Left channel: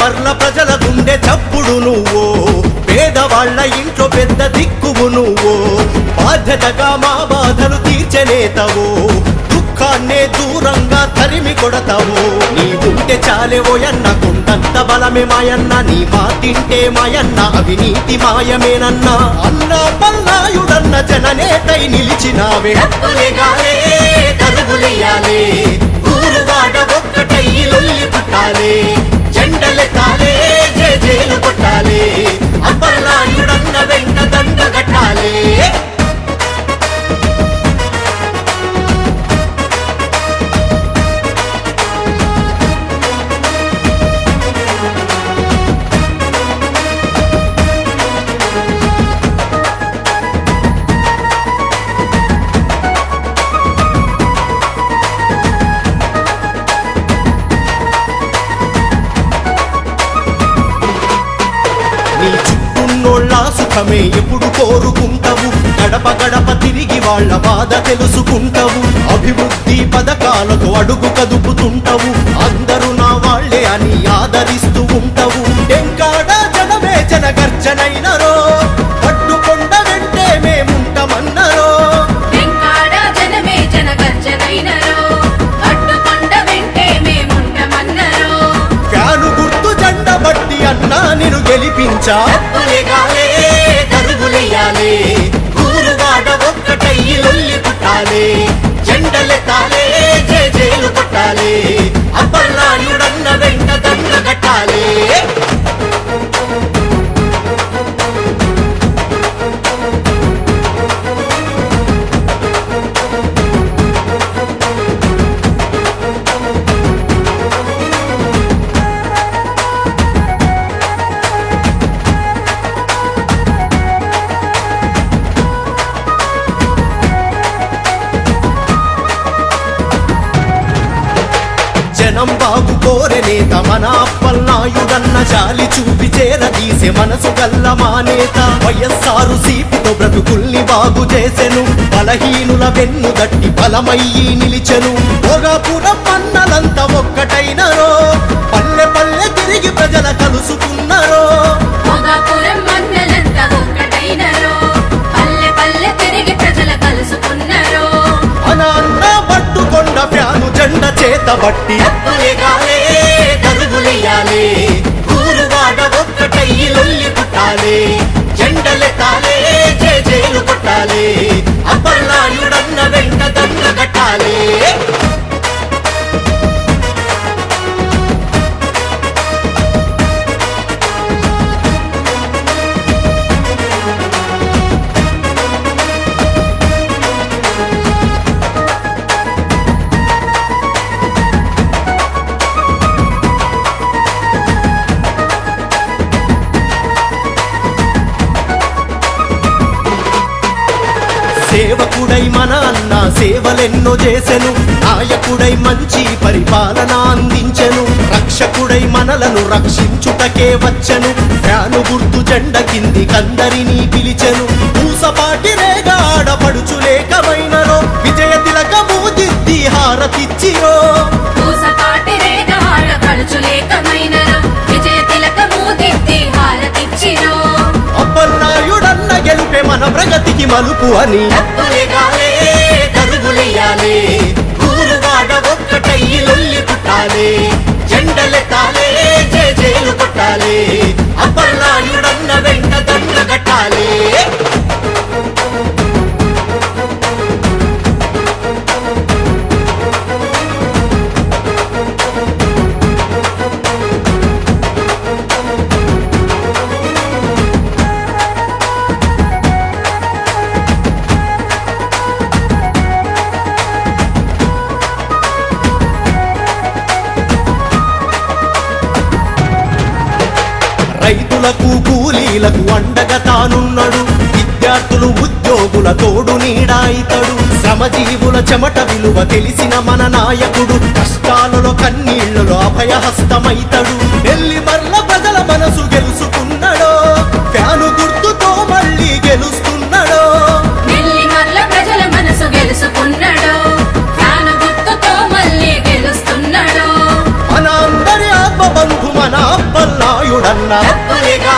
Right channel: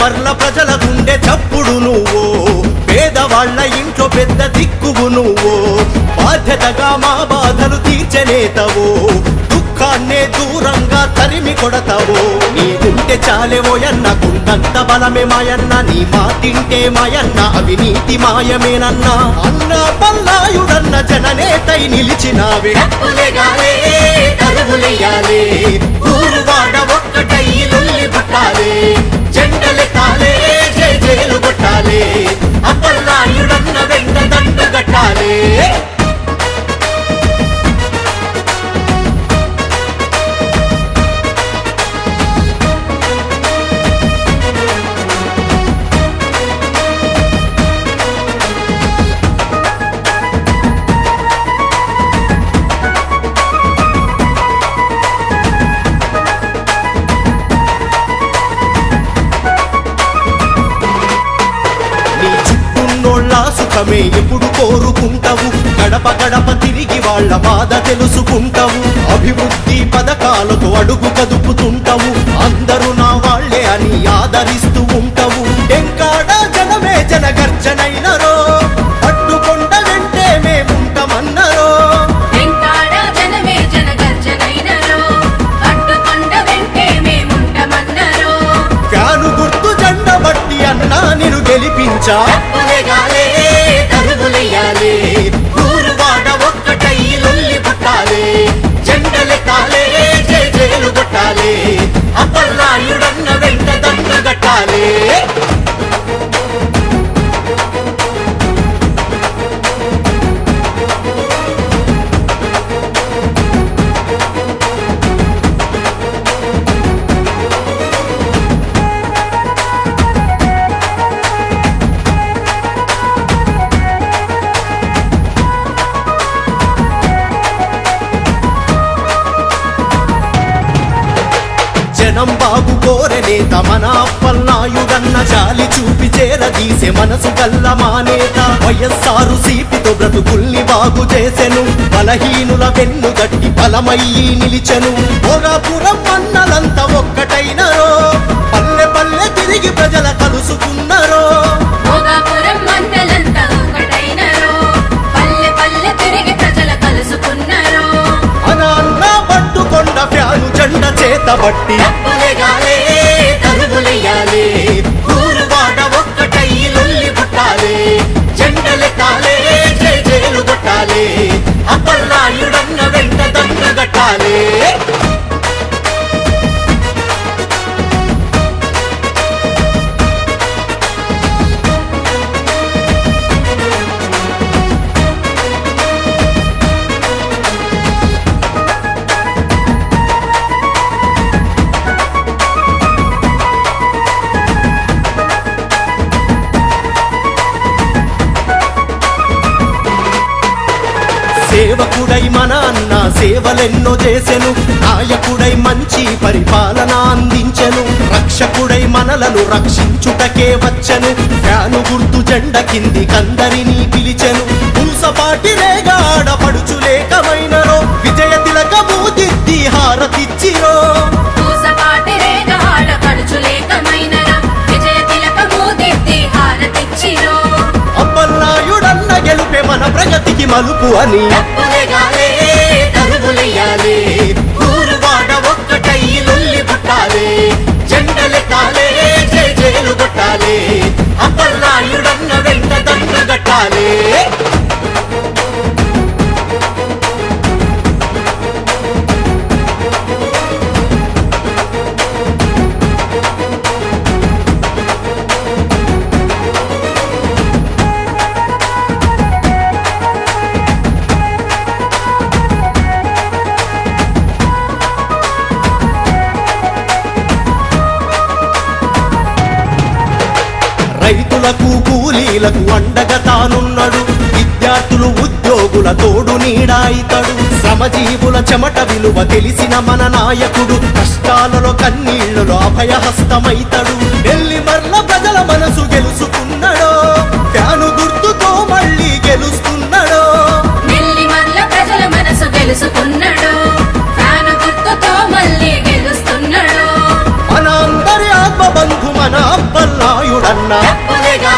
మర్ల ప్రజల గుండె చప్పుడు నువ్వో, పేదవాళ్ల ఇంట్లో పెద్ద దిక్కువు నువ్వో, బాధ్యతగా మా బాధలు తీర్చనేతవో, దుఃఖాన్నే దూరంగా తరిమి కొడతావో. నీ ఉంటే చాలేవోయన్న, కుండంత బలమే మాయన్న, నీ మాటింటే మాయన్న అవినీతి మాయమేనన్నా. అన్న పల్లాయుడన్న జననేతై నిలిచినావే, జెండలెత్తాలే జై జైలు కొట్టాలే, అప్పల్లాయుడన్న వెంట దండ కట్టాలే. నీ చుట్టూన్నోళ్ళ సుఖమే ఎప్పుడు కోరుకుంటావు, గడప గడప తిరిగి వాళ్ళ బాధ తెలుసుకుంటావు, అభివృద్ధి పథకాలతో అడుగు కదుపుతుంటావు, అందరూ నా వాళ్లే అని ఆదరిస్తూ ఉంటావు. ఎంకాడ జనమే జనగర్జనైనరో, పట్టుకొండ వెంటే మేముంటామన్నరో, ఫ్యాను గుర్తు జెండ బట్టి అన్నా నిన్ను గెలిపించా. జెండలెత్తాలే జై జైలు కొట్టాలే, అప్పల్లాయుడన్న వెంట దండ కట్టాలే. జనం బాగు కోరె నేత మన అప్పల్నాయుడన్న, జాలి చూపి చేరదీసే మనసు గల్ల మా నేత. వైఎస్ఆరు సీపితో బ్రతుకుల్ని బాగు చేసెను, బలహీనుల వెన్ను దట్టి బలమయ్యి నిలిచెను. భోగాపురం మన్నలంతా ఒక్కటైనరో, పల్లె పల్లె తిరిగి ప్రజల కలుసుకున్నరో, మన అన్న పట్టుకొండ ఫ్యాను జెండ చేత బట్టి. జెండలెత్తాలే జై జైలు కొట్టాలే, అప్పల్లాయుడన్న వెంట దండ కట్టాలే. సేవకుడై మన అన్న సేవలెన్నో చేసెను, నాయకుడై మంచి పరిపాలన అందించెను, రక్షకుడై మనలను రక్షించుటకే వచ్చెను, ఫ్యాను గుర్తు జెండ కింది కందరినీ పిలిచెను. పూసపాటి రేగా ఆడపడుచులేకమైనరో, విజయ తిలకము దిద్ది హారతిచ్చిరో, అప్పల్నాయుడన్న గెలుపే మన ప్రగతికి మలుపు అని. జెండలెత్తాలే జై జైలు కొట్టాలే, అప్పల్నాయుడన్న వెంట దండ కట్టాలే. రైతులకు కూలీలకు అండగా తానున్నాడు, విద్యార్థులు ఉద్యోగుల తోడు నీడాయితడు, శ్రమజీవుల చెమట విలువ తెలిసిన మన నాయకుడు, కష్టాలలో కన్నీళ్లలో అభయహస్తమైతడు. ఢిల్లీ మర్ల ప్రజల మనసు గెలుసుకున్నాడో, ఫ్యాను గుర్తుతో మళ్ళీ గెలుస్తున్నాడో, మన అందరి ఆత్మ బంధు మన అప్పల్నాయుడన్న తప్పులేగా